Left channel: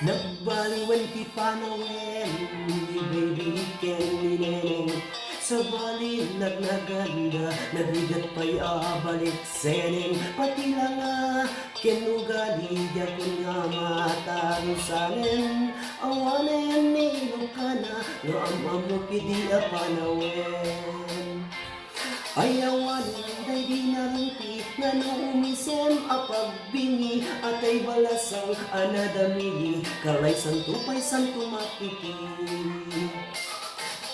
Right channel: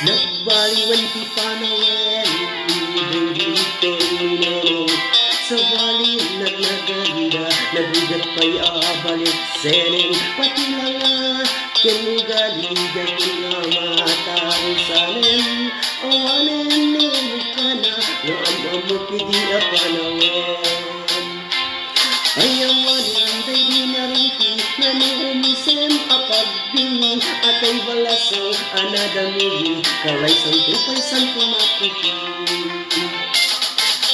Nagbaliwan ti panawen, ibigin minero. Sa bali nagnaganda, nagrigat pa'y abalik seneng. Pati nga, kinugalig at nga matarusanen. Awanen nilo ka na, nga amamot pidi a panawen. Ayawanin day di nariti, nanuumisem apagbingi, atay balasang anadamili, kalay santo pa'y santo maputi.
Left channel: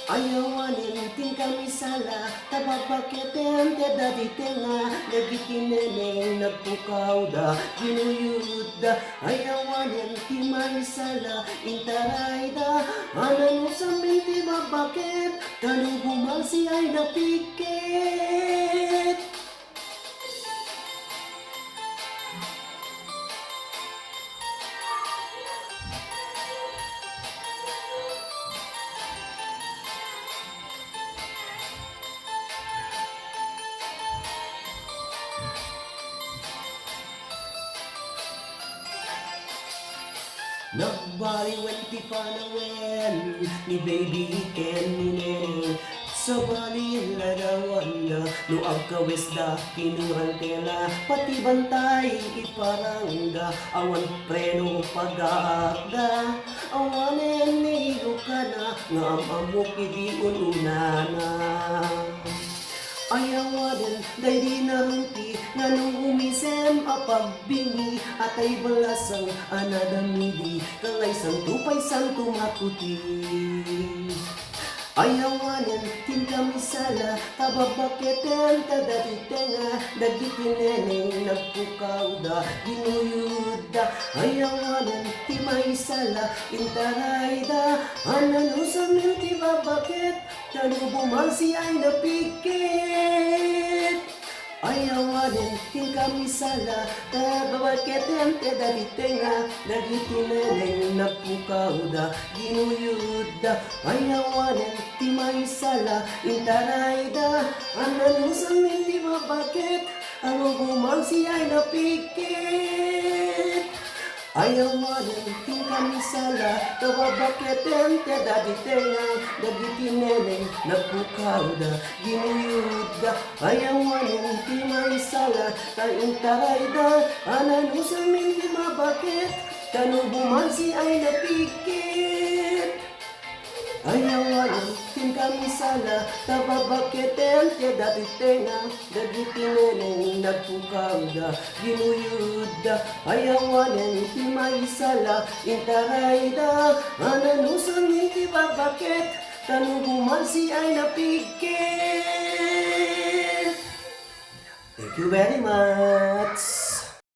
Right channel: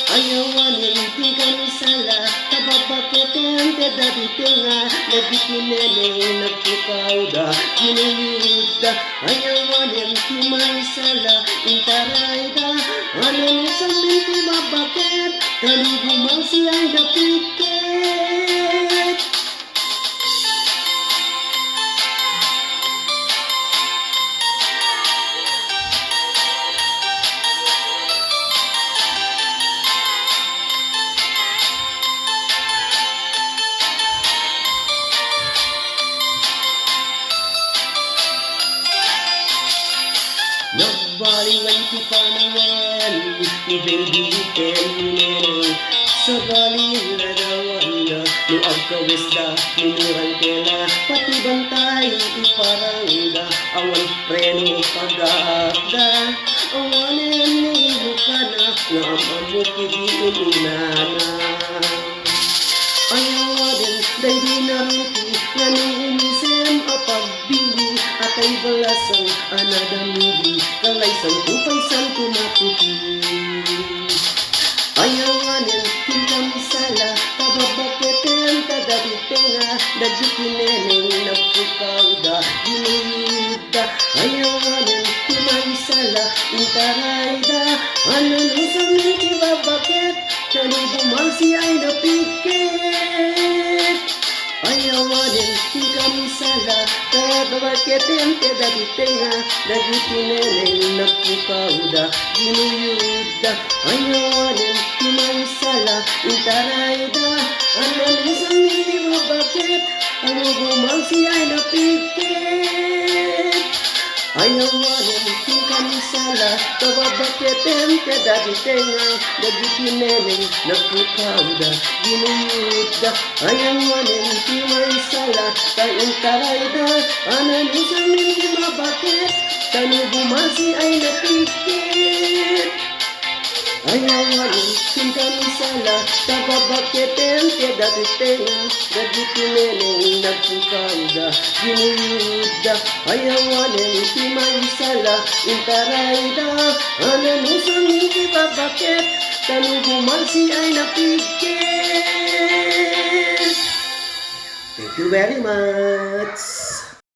Ayawanin ting kami sala, tababaketen te dati nga, nagitineneng nagpukaw da, ginuyud da. Ayawanin ti may sala, intaray da, anan sa minti mabaket, talugumang siyang dapiket. Nagbaliwan ti panawen, ni baby minero. Sa bali larawan na, no agkawis da, kinuran tela, pati bantay iparangda, awan preno pag-aakda. Awanen niyo ka na, nga amamu pidi ununana. Ayawanin day di naruti, nga nung umisem apagbili, atay balasang anadamili, kalay santo pa'y santo maputi. Ayawanin tin kami sala, kababaketen tadaditenga, nagdikineneng nagpukaw da, ginuyud da. Ayawanin ti may sala, intaray da, anano sa minti babaket, talubumang siya'y napikit. Ayawanin tin kami sala, kababaketen tadaditenga, nagdikineneng nagpukaw da, ginuyud da. Ayawanin ti may sala, intaray da, anano sa minti babaket, talubumang siya'y napikit. Ayawanin tin kami sala, kababaketen tadaditenga, nagdikineneng nagpukaw da, ginuyud da. Ayawanin ti may sala, intaray da, anano sa minti babaket, talubumang siya'y napikit. Ayawanin tin kami sala, kababaketen tadaditenga, nagdikineneng nagpukaw da, ginuyud da. Ayawanin ti may sala, intaray da, anano sa minti babaket, talubumang siya'y napikit. Thank you very much.